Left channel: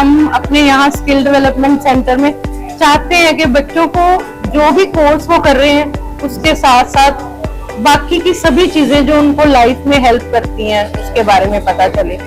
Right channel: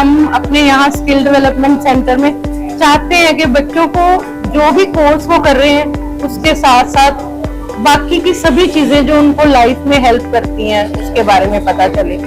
हम अपने यहाँ स्किल डेवलपमेंट सेंटर में चाहते हैं कि बच्चों को जो भी कोर्स वो कर रहे हैं उसके साथ साथ बाकी की सभी चीजें जो उनको लाइफ में हेल्प करती हैं उसके बारे में पता चले।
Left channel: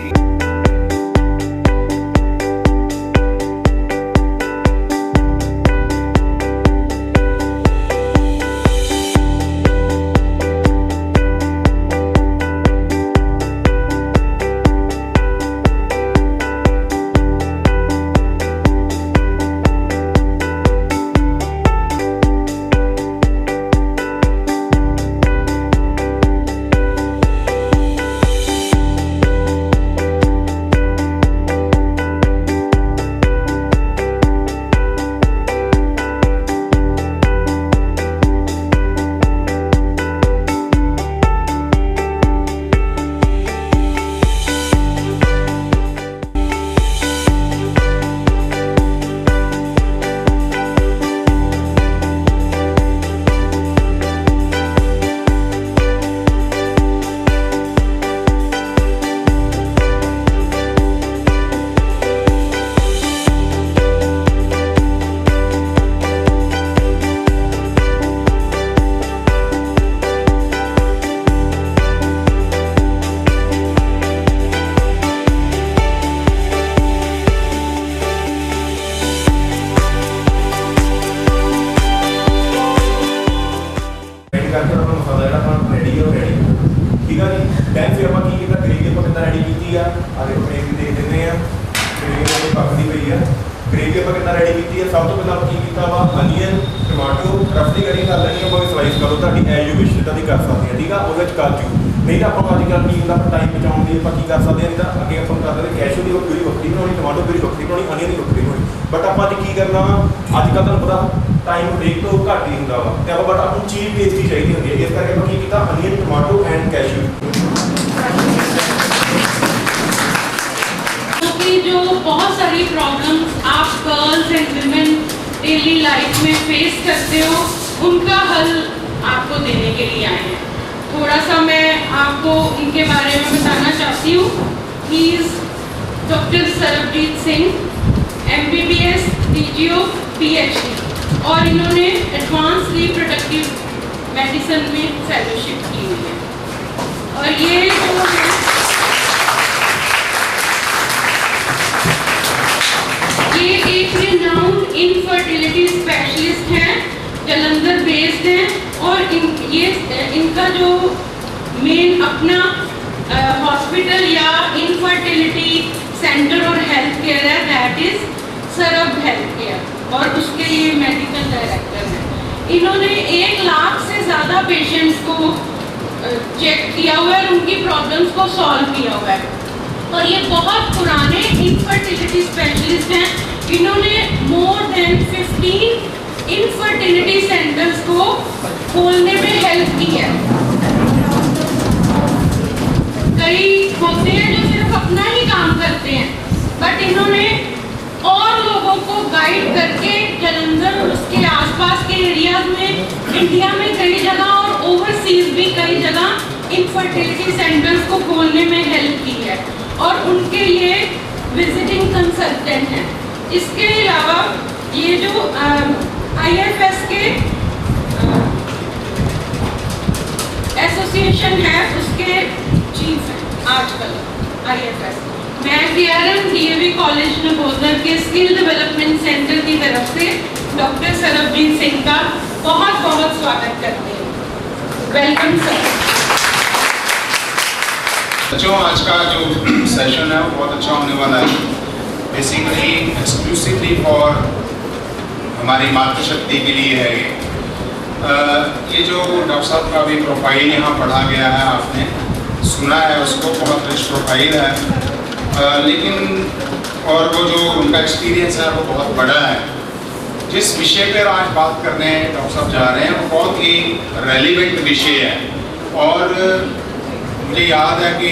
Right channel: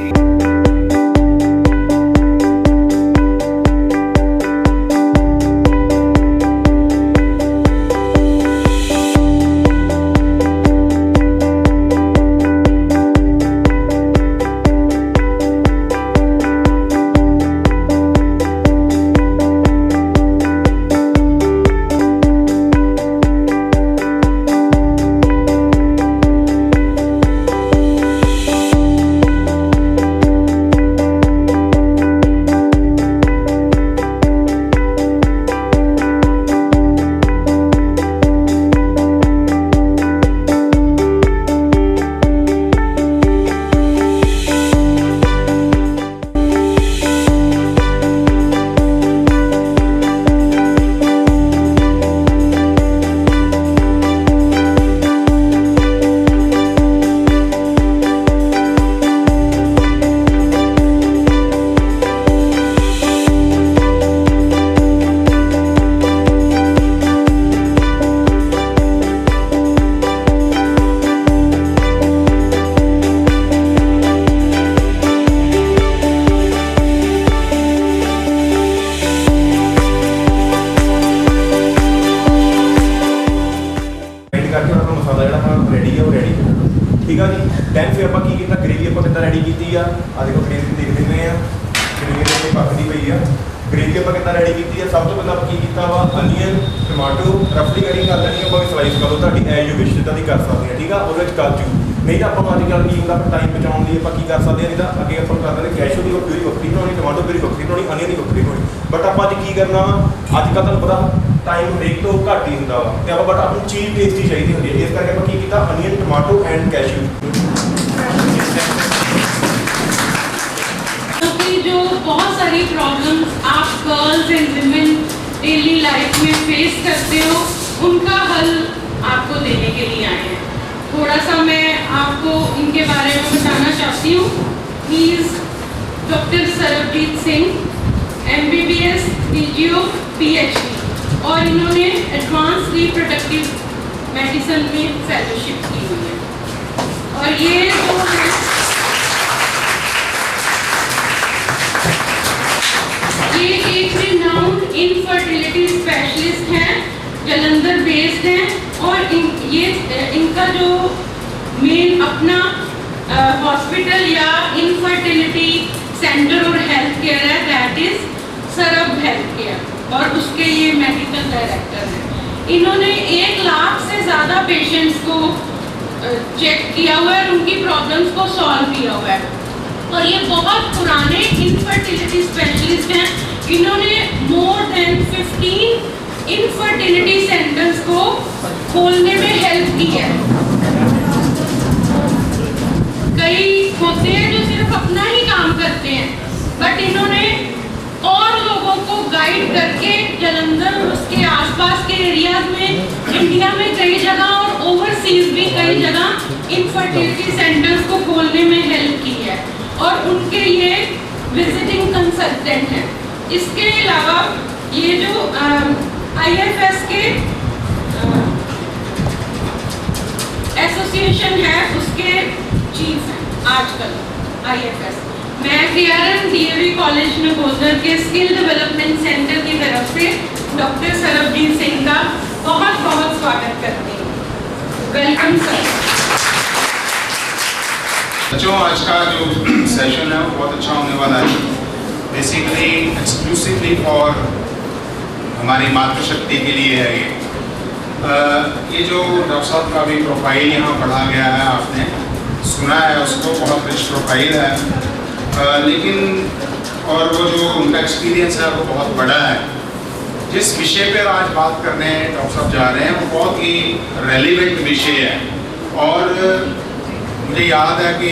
ठीक है जी। दैन फिर आप ग्रेवी आप कि रेडी की आ देखो ग्रेवी देख दें ग्रेवी पकती पई है। ग्रेवी आप कि रेडी की है। सब तो पहले की किया वा अनियन टमाटो रफली कटिंग कर लेनी है, स्लाइस करो ताकि एज यू विश जिदा कर सकते हैं। ठीक है वो काजू नहीं तो आप अजकल की होंगे टाइम बचाने लिए आप कर सकते हैं, नहीं तो अगे आप कर सकते कैशू की प्यूरी वक्री बनानी, टमाटो प्यूरी वक्री बनानी, अनियन की वक्री बनानी। बट आप अज की करना अजकल तुहानूं पता टाइम हरेक तो घट ही होंगे वा बट आपको चीज़ टेस्टी चाहिए होंगी है, इस करके आप की अनियन टमाटो एंड कैशू। क्योंकि जो बहुत सारी प्रॉब्लम्स आप girls and women daily life में फेस करते हो उनका हल आपको देने के लिए आए हैं। थोड़ा सा मैं आपको इनके बारे में बताना चाहती हूँ। He is doctor Sarabjit Singh, MBBS DGO PhD, और इन्होंने एडवांस रिप्रोडक्टिव मेडिसिन में फेलोशिप की हुई है। और ये एक रिनाउंड इनफर्टिलिटी स्पेशलिस्ट हैं, जलंधर बेस्ड हैं, और इनका जो मेन अपना हॉस्पिटल या इनफर्टिलिटी सेंटर और हेल्थ केयर है, दैट इज सरब हेल्थ केयर, और उसके ये मेडिकल डायरेक्टर हैं। इन्होंने 1 लाख से ज़्यादा पेशेंट्स को चेक किया हुआ है और उनकी प्रॉब्लम्स को सॉल्व किया हुआ है। और ये बहुत पुराने इनफर्टिलिटी स्पेशलिस्ट हैं। इन्होंने मोर देन 15 इनफर्टिलिटी सेंटर्स को खोलने में हेल्प की है। कई होते हैं जो सिर्फ अपना ही काम करते हैं, बट इन्होंने और लोगों को गाइड करके जलंधर और उसके आसपास के एरियाज में इंडिया में कई जगह और ओवरसीज भी कई जगह इनफर्टिलिटी सेंटर्स को खोलने में हेल्प की है, और उनके ये विजिटिंग कंसल्टेंट हैं। इसके अलावा ये जो IFS के एसोसिएशन है उसके चीफ हैं आजकल IFS। मैं DRM DAV कॉलेज नगोदर के स्किल डेवलपमेंट सेंटर की तरफ से डॉक्टर सरबजीत सिंह का बहुत बहुत स्वागत करती हूँ। Welcome sir. बच्चों, आज का जो सेशन है वो बहुत अच्छा होने वाला है। बेसिकली एक्सक्लूसिवली फॉर हमारी मातृशक्ति के लिए है ये जो डॉक्टर साहब का भी प्रोफाइल यहाँ पढ़ा गया है, आपने सुना है उसको, बहुत रिच प्रोफाइल है, लेकिन और वो जो उनका एक्सपीरियंस है वो बहुत बड़ा है। जिस विषय पर आज बात करने डॉक्टर साहब जा रहे हैं वो बहुत ही रेलिवेंट विषय है। और मुझे याद है कि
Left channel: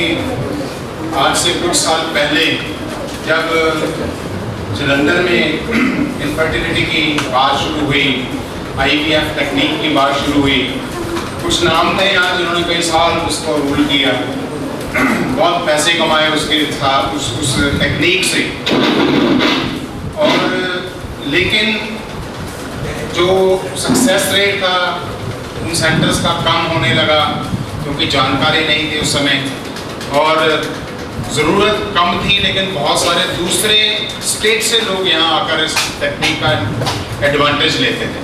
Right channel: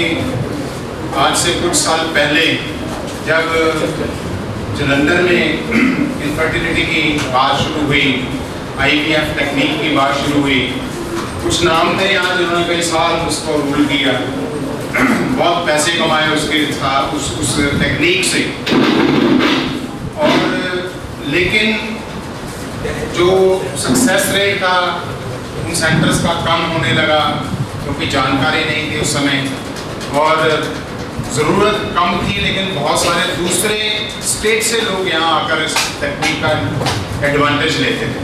आज से कुछ साल पहले जब जलंधर में इनफर्टिलिटी की बात शुरू हुई, IVF टेक्निक की बात शुरू हुई, कुछ नाम थे यहाँ जिन्होंने कई साल उसको रूल किया, बहुत पैसे कमाए उसके साथ उस टेक्निक से। लेकिन जो सक्सेस रेट था उन सेंटर्स का कम होने लगा क्योंकि जानकारी नहीं थी उस समय, और ज़रूरत कम थी, लेकिन बहुत सारे दूसरे स्टेट से लोग यहाँ आकर इस टेक्निक का एडवांटेज लेते थे।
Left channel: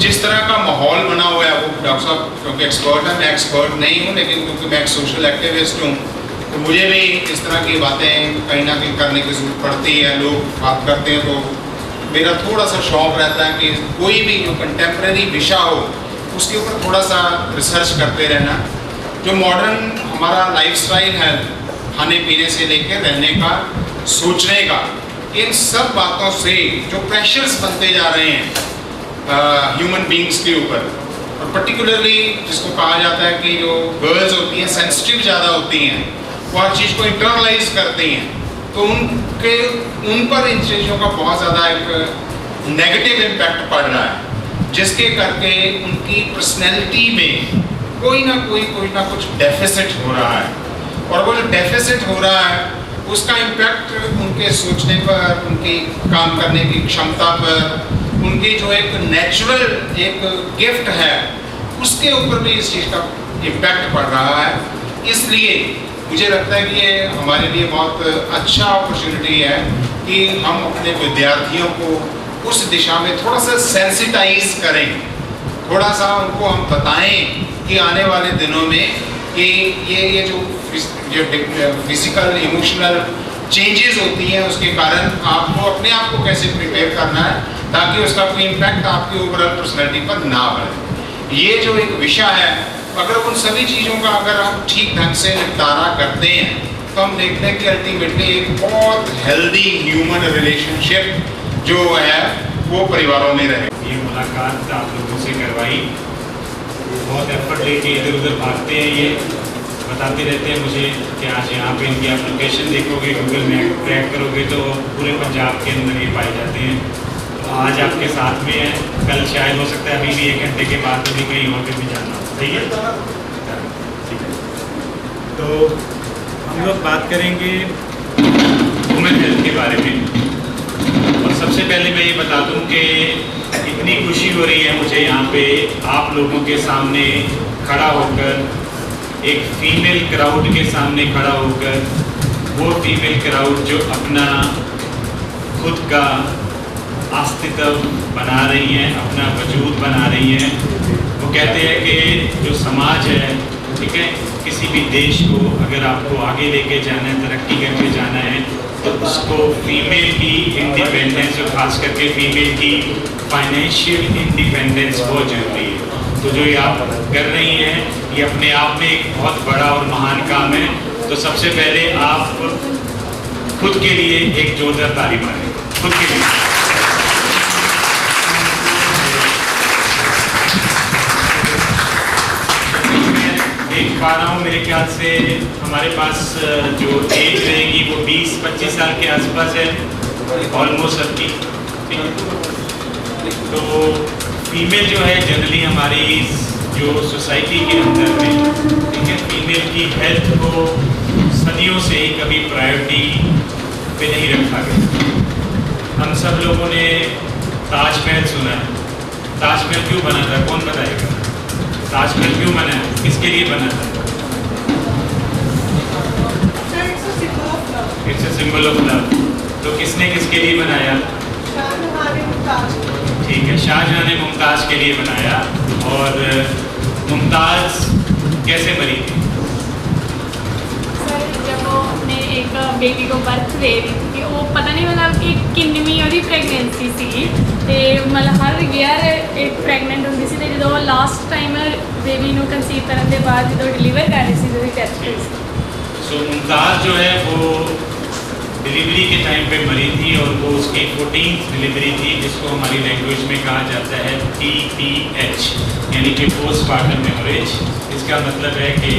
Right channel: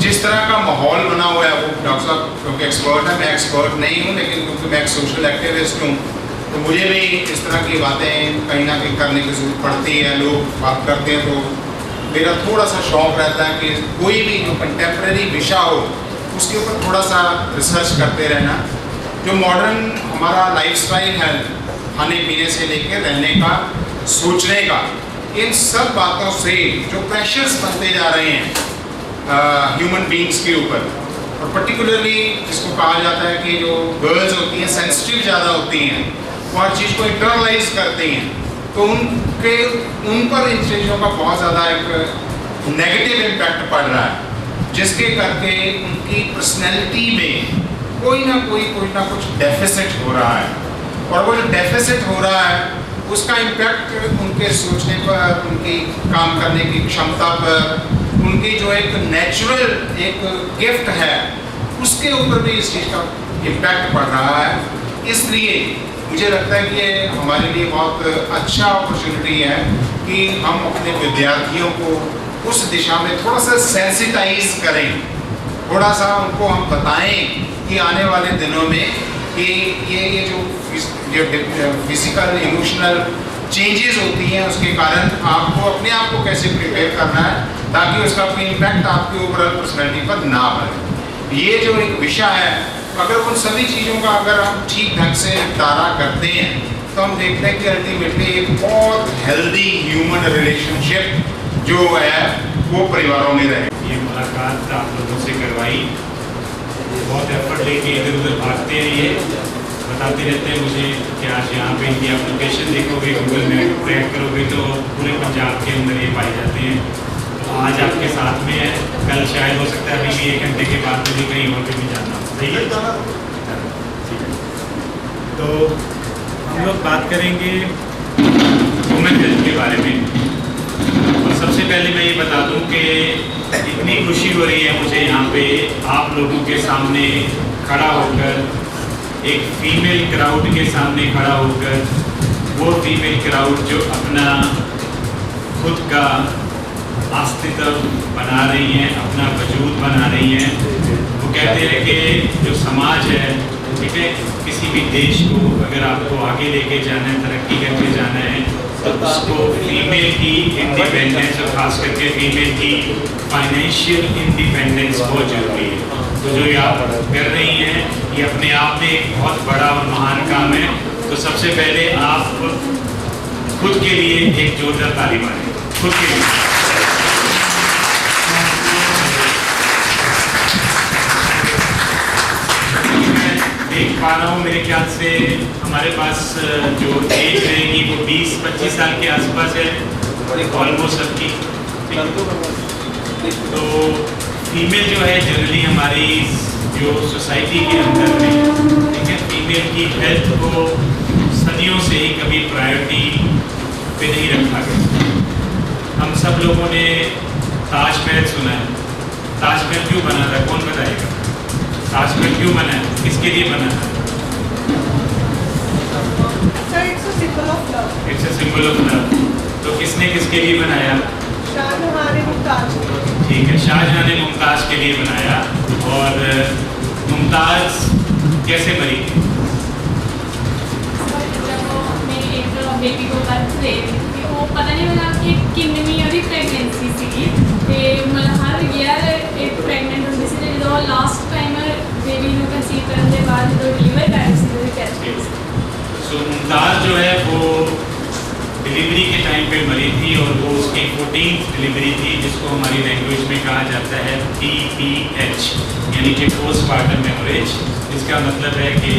जिस तरह का माहौल बना हुआ है, वो डॉक्टर साहब क्योंकि एक्सपर्ट है, मैं एक्सपर्ट नहीं हूँ, लेकिन क्योंकि मैं एक सोशल एक्टिविस्ट हूँ तो मुझे भी इस तरह की बातें कहीं ना कहीं करने की ज़रूरत पड़ती है। लोग बात करते हैं तो मेरा थोड़ा सा शौक़ रहता है कि कोई भी जो कंटेम्प्रेरी विषय हो उसके ऊपर थोड़ा सा रिसर्च करते रहना। जो मॉडर्न हमारा लाइफस्टाइल है, खाने पीने से लेकर रहने का, सोचने का, इन सब बातों से जो प्रेशर्स बनते जा रहे हैं ह्यूमन बींग्स के ऊपर, और पर्टिकुलरली जिसको कहा जाता है कि जो गर्ल्स होती हैं सेंसिटिव ज़्यादा होती हैं, वो हर चीज़ को इंटरनलाइज करती हैं, तो उन पर इन चीज़ों का बहुत ज़्यादा एक नेगेटिव इम्पैक्ट पड़ रहा है, जिसके करके उनकी पर्सनैलिटी में कोई ना कुछ डेफिसिट हो रहा है। और वो जो डेफिसिट हो रहा है उसका इम्पैक्ट उनके सोचने पर, उनकी काम करने की क्षमता पर, उनकी जो एक नेचुरल एक गिफ्ट है उसके ऊपर भी इस चीज़ का इम्पैक्ट पड़ रहा है। इसलिए मुझे लगता है कि ये हमारे लिए बहुत अच्छा अपॉर्चुनिटी है कि हम अपने विद्यार्थियों को उस दिशा में थोड़ा सा सेंसिटाइज करें, थोड़ा सा उनको हम बताएं कि आने वाले दिनों में कि ये जो फिजिकल इमोशनल चेंजेस होती हैं उसके कारण आपको अपने आप को कैसे प्रिपेयर करना है ताकि उसका कोई इम्पैक्ट आपकी ओवरऑल पर्सनैलिटी पर ना पड़े। ये जो एक विषय है, अगर उन सभी चीज़ों का अगर हम ठीक ढंग से निपटारा करते हैं तो हम देखते हैं कि अल्टीमेटली एक बहुत हेल्दी ह्यूमन रिलेशनशिप जो है वो परिवारों में रहे। ये मुलाकात आप लोगों से करवाई, बहुत एफर्ट लेके इधर उधर भागते हैं, ये बताते रहते हैं मुझे कि आज यहाँ पे इनकी आप लोकेशन देखोगे, गूगल मैप ट्रैक करोगे तो पूरे पंजाब के अंदर ये पाए जाते हैं। तो आज आपके साथ में है, कल शायद हो सकता है अभी भी 1 घंटे के बाद मुझे कहीं और पे भी जाना हो। सही है, ठीक है। तो हम लोग बात करेंगे वुमेन हेल्थ के बारे में, और सबसे पहले मैं ये बता दूं कि इतनी खुशी हो रही है मुझे यहाँ पे आप लोगों के सामने खड़ा होकर, एक फीमेल क्राउड के सामने खड़ा होकर, वो फीमेल क्राउड जो अपना खुद का अस्तित्व बना रही हैं, अपना वजूद बना रही हैं। वो कहते हैं कि जो समाज है, ठीक है, किसी भी देश को अगर आपको आगे लेके जाना है, तरक्की करके जाना है, तो उसको फीमेल की इंडिपेंडेंस और ख़ास करके फीमेल की फाइनेंशियल इंडिपेंडेंस बहुत ज़रूरी है। तो जो ये आप कर रही हैं ये अपने आप में एक बहुत बड़ा और महान काम है। तो सबसे पहले आप खुद के लिए एक जोरदार ताली मारें, खुद के लिए। देख पा रहा हूँ, मेरे ख्याल से हमारे पास जो एज रहेगी वो 20-25 साल के आसपास है, ऑलमोस्ट सबकी। तो फीमेल जो है जनरली हमारी जो सोसाइटी के अंदर में, ठीक है, फीमेल की हेल्थ को सदियों से ही कभी प्रायोरिटी पे नहीं रखा गया। हम सब लोगों ने ताजमहल सुना है। ताजमहल क्यों बना था, कौन बताएगा? ताजमहल क्यों बना है, किसके लिए बना है? It's a symbol of love. तो किसने किसके लिए बनाया? ठीक है, शाहजहां ने मुमताज़ के लिए बनाया। और मुमताज़ कैसे मरी थी? जब वो अपने एक बेटी को बर्थ दे रही थी, वो पता नहीं मतलब कि किन्नवीं ਉਹਦੀ ਪ੍ਰੈਗਨੈਂਸੀ ਸੀਗੀ, ਤੇ ਮਤਲਬ ਹਰ ਈਅਰ ਇੱਕ ਪ੍ਰੈਗਨੈਂਟ ਹੁੰਦੀ ਸੀ, ਤੇ ਜਦੋਂ ਲਾਸਟ ਟਾਈਮ ਬੇਬੀ ਨੂੰ ਕੰਸੀਵ ਕਰਨ ਦੇ ਬਾਅਦ ਜਦੋਂ ਡਿਲੀਵਰ ਕਰ ਰਹੀ ਸੀ ਉਹਦੀ ਡੈਥ ਹੋ ਗਈ। सो मुमताज़ जो है वो डिलीवरी के टाइम पे मरी थी, और वो उसकी 14th डिलीवरी थी, जिसको हमारी लैंग्वेज में कहा जाता है PPH, यानी कि पोस्टमार्टम हेमोरेज। इसका मतलब है कि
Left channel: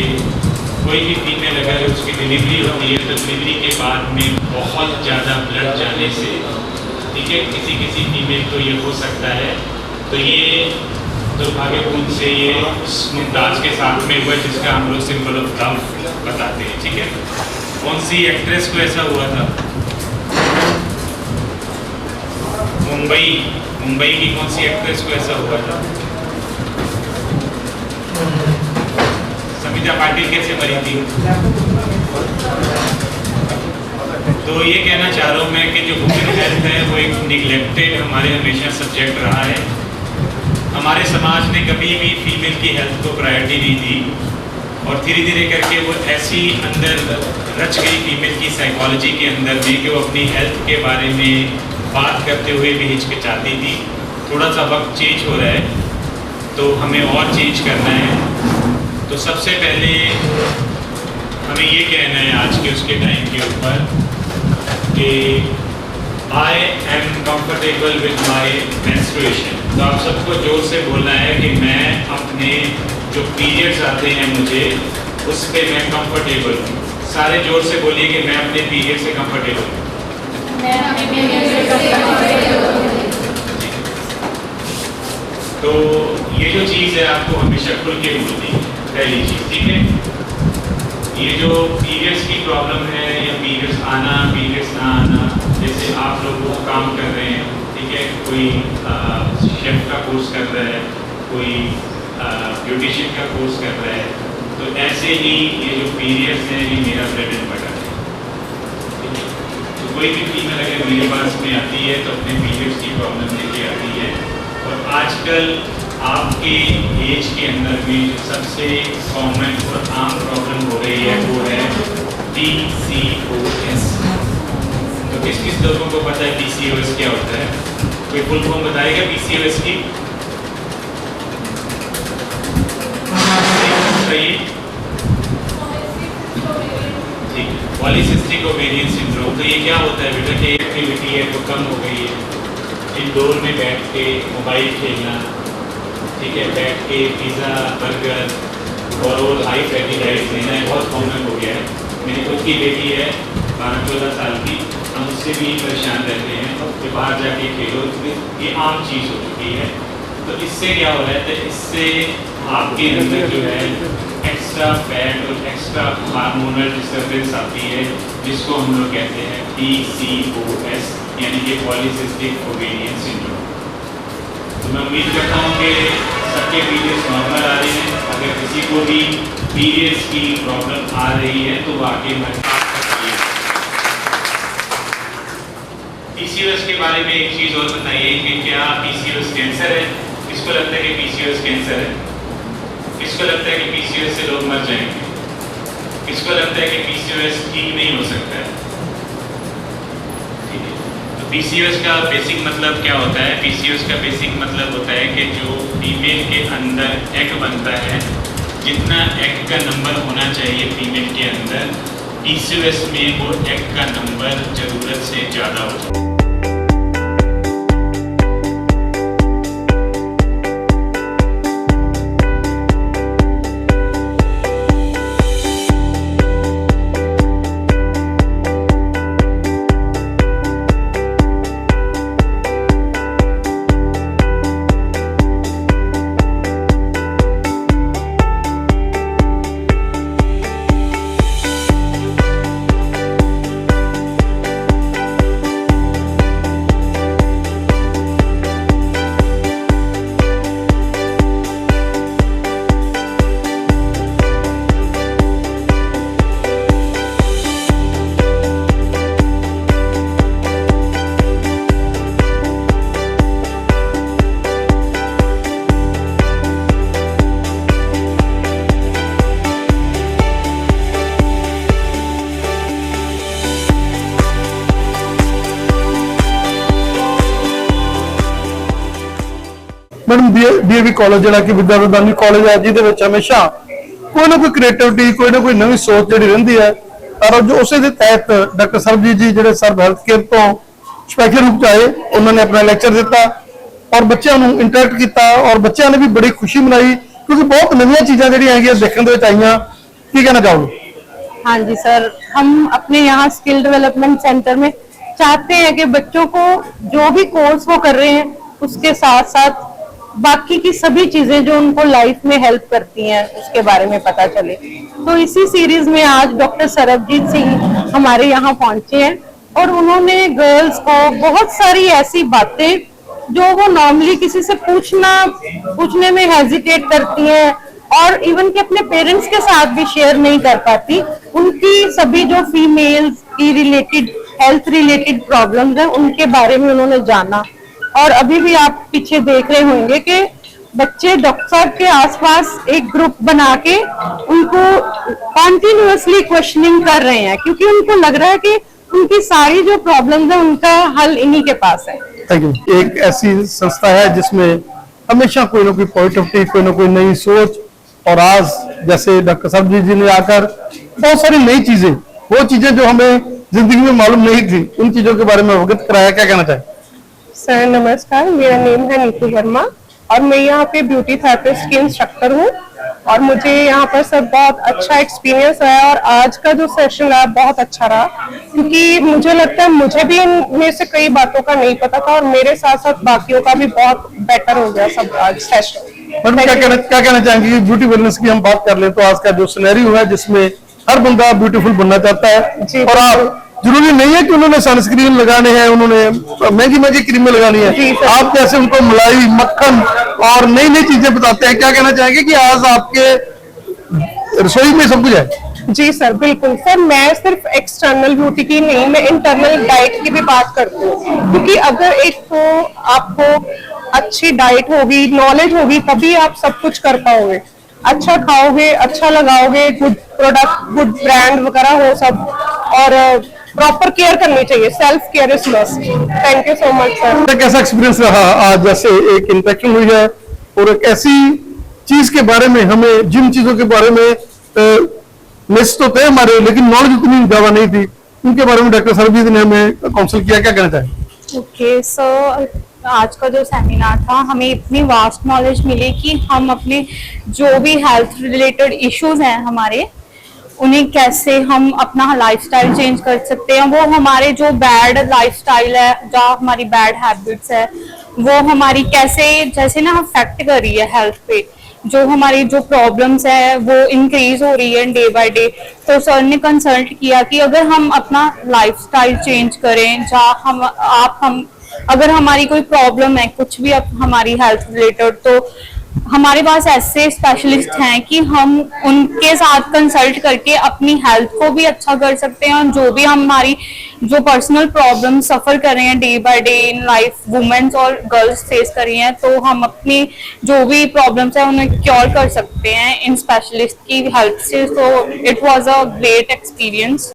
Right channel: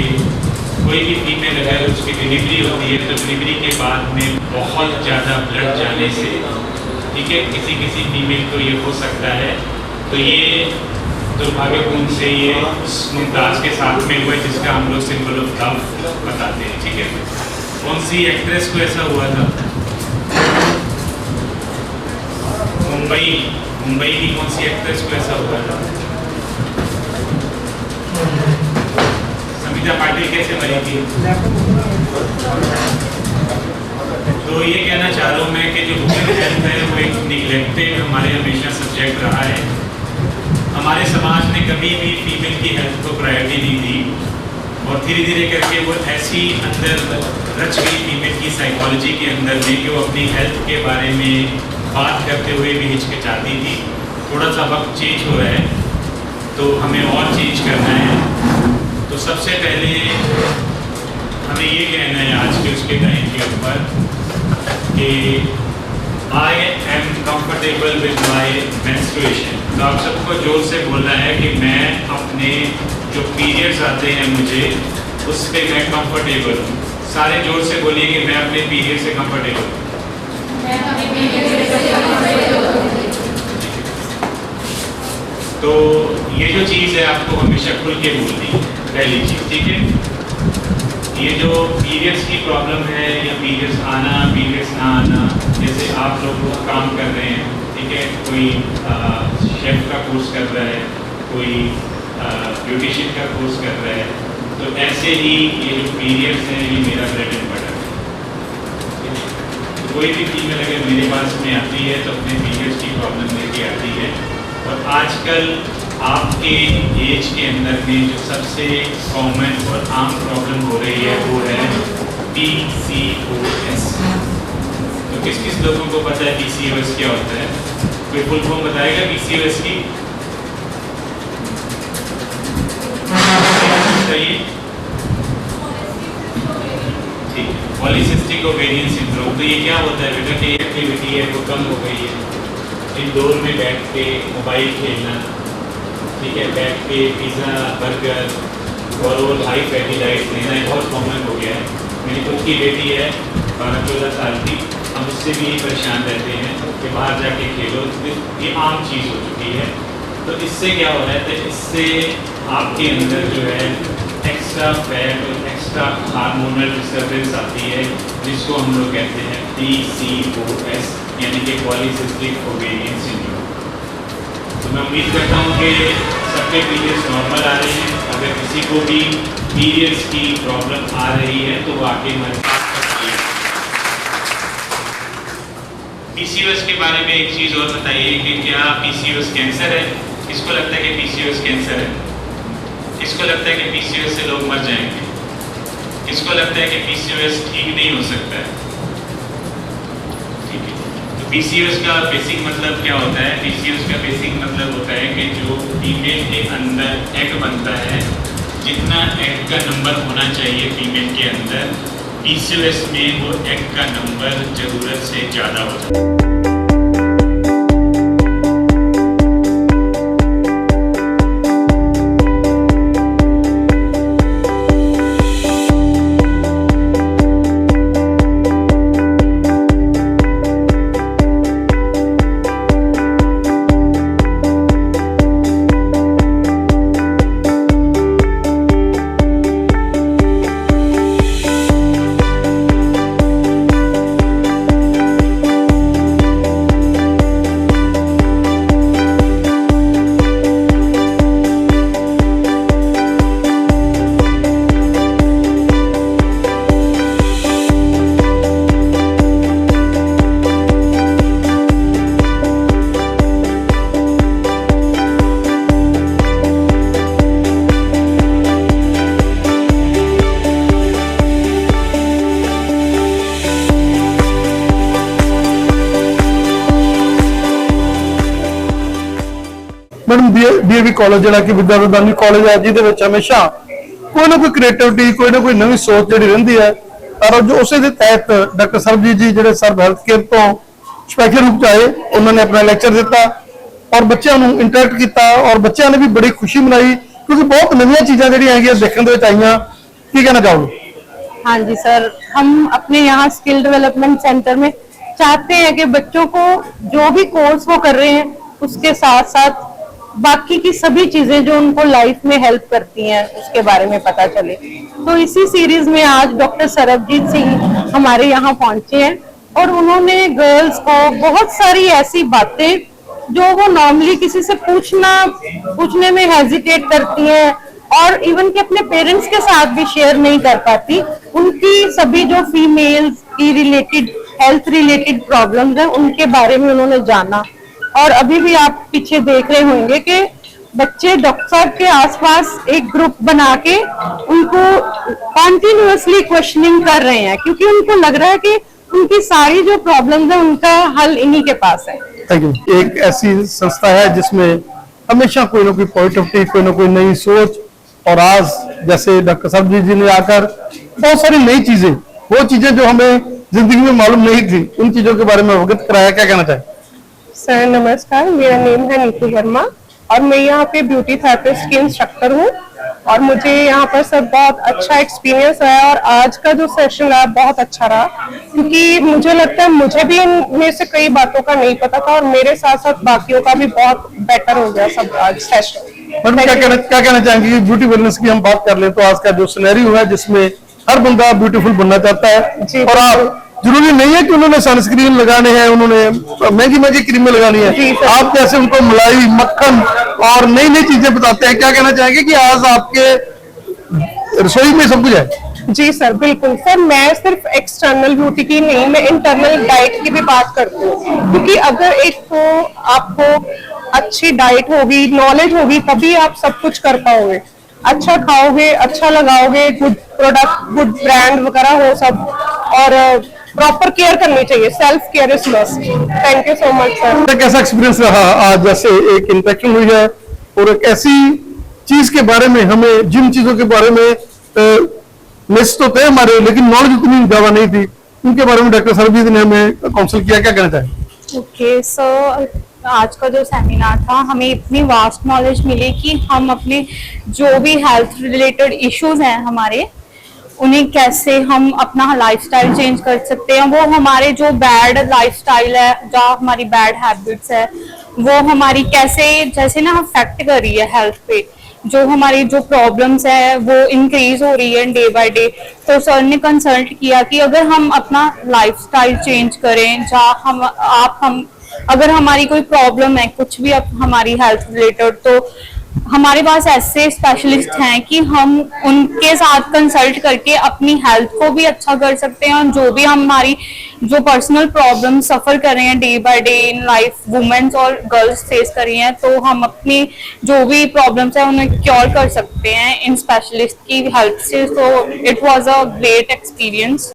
कोई भी फीमेल अगर उसकी डिलीवरी होती है तो डिलीवरी के बाद में बहुत ज़्यादा ब्लड जाने से, ठीक है, किसी फीमेल को ये हो सकता है। तो ये दुर्भाग्यपूर्ण से ये उस मुमताज़ के साथ में हुआ जिसका हम लोग सिंबल ऑफ लव बताते हैं, ठीक है। कौन सी एक्ट्रेस को ऐसा हुआ था? मुंबई की कौन सी एक्ट्रेस को ऐसा हुआ था? समिता पाटिल कैसे मरी थी? तो ये कहना चाह रहा हूँ मैं कि जो वुमेन हेल्थ है वो एक निगलेक्टेड हमारे हमेशा सब्जेक्ट रहा है। हमारे समाज ने कभी भी फीमेल की हेल्थ को प्रायोरिटी नहीं दी और धीरे धीरे करके वो ऐसी अंदर रच गई फीमेल की साइकोलॉजी के अंदर में कि वो अपनी हेल्थ के बारे में बात करते हुए भी हिचकिचाती थी। थोड़ा सा वक्त चेंज हो रहा है तो हमें और चेंज करना है। तो सबसे पहले हमें ये कहना है आज के उसके टाइम के ऊपर कि I am comfortable with my menstruation. तो आप सबको जोर से बोलना है कि मैं अपने जो पीरियड्स आते हैं मुझे उस पर मैं कंफर्टेबल हूँ। सारे जोर से बोलिए कि मैं अपने पीरियड से कंफर्टेबल हूँ। तो ये जो चीज़ है आपको हमेशा खुल के बोलनी है, पहली चीज़, ठीक है। ये जो पीरियड्स की प्रॉब्लम है या पीरियड्स आना पीरियड्स ना आना, जैसे आप लोग वो काम कर रहे हैं, ठीक है, कोई शेफ का कोर्स कर रहा है, कोई ब्यूटिशियन का कोर्स कर रहा है, तो ऐसे ही ये जो पीरियड्स हैं ये मेरा ब्रेड एंड बटर है। तो कोई भी फीमेल अगर मेरे पास में आती है तो अपने पीरियड्स की प्रॉब्लम लेके आती है। और आजकल आपके एज के अंदर में जो सबसे कॉमन और आम प्रॉब्लम हो रही है वो है PCOS। तो किस किस लोगों को पता है PCOS क्या होता है? कोई फुल फॉर्म बताएगा PCOS की? बताइए। ठीक है, पॉलीसिस्टिक ओवेरियन सिंड्रोम। तो ये क्या होता है बेटा कि एक्टिविटी है वो कम हो गई है, इंडोर में बैठ के मोबाइल खेलना, ठीक है, बैठ के पिज़्ज़ा बर्गर और हाई फैटी डाइट लेना है बहुत कॉमन हो गया है। मेरी खुद की बेटी है 12-14 साल की, हम उससे भी परेशान रहते हैं कि बाहर जाके खेलो, ये आम चीज़ हो चुकी है। तो इससे क्या हो रहा है? तो इससे आपके अंदर जो है एक्स्ट्रा फैट और एक्स्ट्रा हार्मोनल डिस्टर्बेंस आती है, जिसको हम लोग कहते हैं PCOS, यानी कि पॉलीसिस्टिक ओवेरियन सिंड्रोम। तो मैं उम्मीद करता हूँ कि सबके पीरियड्स नॉर्मल आ रहे हैं। अगर किसी को भी पीरियड्स की प्रॉब्लम आ रही है तो वाकई में PCOS के बारे में एक चीज़ और बताइए कि क्या PCOS कैंसर है? किसको लगता है कि PCOS कैंसर है? किसको लगता है कि PCOS से लोग मर जाएंगे? किसको लगता है कि PCOS ठीक नहीं हो सकता है? ठीक है, तो PCOS का बेसिक मतलब क्या होता है? PCOS का बेसिक मतलब होता है कि जो फीमेल के अंदर एग बनता है, जितना एग का नंबर होना चाहिए फीमेल के अंदर, PCOS में वो एग का नंबर ज़रूरत से ज़्यादा हो जाता है। मैडम DAV कॉलेज जिहड़ा कि विद्या प्रदानी कॉलेज है जिहदे विच हमेशा कोई ना कोई क्रिएटिविटी कोई ना कोई नवी सोच जिहड़ी रहिंदी है और जो उसे दे तहत डॉक्टर सरबजीत जी जिहड़े सर्व हेल्थ केयर तो स्पैशल रूप च आए उन्होंने अपना लेक्चर दिता और बच्चों को इंटरैक्ट किया और बच्चों ने भी बड़ी खुशी मनाई क्योंकि बहुत नवी चीज़ां जिहड़ियां हैगियां देखने दे विच आईयां। की कहना चाहोगे? हाँ जी सर, हम अपने यहाँ स्किल डेवलपमेंट सेंटर में चाहते हैं कि बच्चों को जो भी कोर्स वो कर रहे हैं उसके साथ साथ बाकी की सभी चीजें जो उनको लाइफ में हेल्प करती हैं उसके बारे में पता चले। तो इसी सीरीज में आज डॉक्टर सरबजीत सिंह हमारे यहाँ पहुंचे हैं और उन्होंने गर्ल्स को बहुत सारी ऐसी बातें जो वो नॉर्मली किसी से पूछने में हेजिटेट करती हैं और इवन कि अपने पेरेंट्स के साथ भी शेयर नहीं कर पाती, उनकी सभी जो फीमेल्स की रिलेटेड हेल्थ रिलेटेड प्रॉब्लम्स हैं उनके बारे में उन्होंने जाना। और अभी भी आप पीछे देख रहे होंगे कि बच्चे डॉक्टर साहब के आसपास एक ग्रुप बना के उनको कॉन्टिन्यूअसली क्वेश्चनिंग कर रहे हैं, क्योंकि उनको लग रहा है कि उनकी सारी जो प्रॉब्लम्स है उनका हल इन्हीं के पास है। Thank you. एक ऐसी संस्था है जिसमें हमेशा कोई ना कोई पॉजिटिविटी, कोई ना कोई नई सोच, और आज जैसे डॉक्टर सरबजीत जी ने आकर बहुत सारी नई चीजें, वो चीजें जो हमें जिंदगी में मालूम नहीं थी, उन चीजों के बारे में अवगत कराया। क्या कहना चाहें? सर नमस्कार, मेरा नेम है नीतू वर्मा और मैं यहाँ पे ब्यूटी थेरेपिस्ट की इंस्ट्रक्टर हूँ और मुझे यहाँ पर सर बहुत अच्छा एक्सपीरियंस रहा और आज का जो सेशन रहा बहुत अच्छा रहा, क्योंकि मुझे लगता है मुझे भी इनमें से कई बातों का नहीं पता था और मेरे साथ साथ बाकियों का भी बहुत बेटर हो गया सब आज सेशन। मैडम क्या कहना चाहेंगे? ब्यूटी वेलनेस की हम बात कर ले तो आज का जो सिनेरियो है जिसमें हर बंदा ब्यूटीफुल बनना चाहता है, और आप जरूरी नहीं है कि उन्होंने सनस्क्रीन लगाने हैं, उन्होंने महंगी क्रीमें लगानी है, आप जैसे उनको मलाई, मक्खन और नई नई चीजें बताते हैं। क्या कहना चाहेंगे कि आज आपके रसोई में सब कुछ है? जी सर, बिल्कुल सर। मैं सिर्फ एक्सटर्नल ब्यूटी की नहीं, मैं इंटरनल डाइट की भी बात करती हूँ, क्योंकि अगर एक तो आपको अच्छी डाइट होगी, नॉलेज होगी, तभी आप सब कुछ कर पाओगे। अच्छा खाओगे, अच्छा लगाओगे, गुड प्रोडक्ट, गुड ब्रांड वगैरह हो सब, और प्रॉपर केयर करनी चाहिए। Self care is must. Thank you so much sir. कैसा एक्सपीरियंस रहा आज? जैसे एक इंफेक्शन हुई है और एक ऐसी चीज के बारे में, हमें जिन चीजों के बारे में लिस्ट तो थे हमारे, लेकिन नॉलेज उतनी ज्यादा नहीं थी, उनके बारे में डॉक्टर सरबजीत ने हमें काउंसिल किया। क्या कहना चाहें? ओके सर, आज का जो सेमिनार था हमें इतनी वास्ट नॉलेज मिली कि हम अपने जो भी हेल्थ रिलेटेड इश्यूज हैं हमारे, उन्हें कैसे हम अपना लाइफस्टाइल चेंज कर सकते हैं। वो हमारे जो बैड लाइफस्टाइल है, जो हमारी बैड हैबिट्स है, वो हमारी कैसे जैसे ना अफेक्ट कर रही है हेल्थ पे, जो हमारी जो प्रॉब्लम्स है वो इंक्रीज हो रही है डे बाय डे। तो सर ने कंसल्ट किया कि अगर हम अपना लाइफस्टाइल चेंज करें, हम अगर हमारी कोई प्रॉब्लम है कुछ भी हमारी हेल्थ रिलेटेड, तो हमारे पास ऐसे स्पेशलिस्ट हैं कि हम उनके साथ कंसल्ट करके अपनी हेल्थ को भी अच्छा कर सकते हैं, और जो भी हमारी जो पर्सनल प्रॉब्लम सफर कर रहे हैं day by day in life, women's और गर्ल्स फेस कर रही हैं, तो हम अपनी जो भी प्रॉब्लम्स है उन्हें क्योर कर सकते हैं इन स्पेशलिस्ट की हेल्प से। So it was a great experience.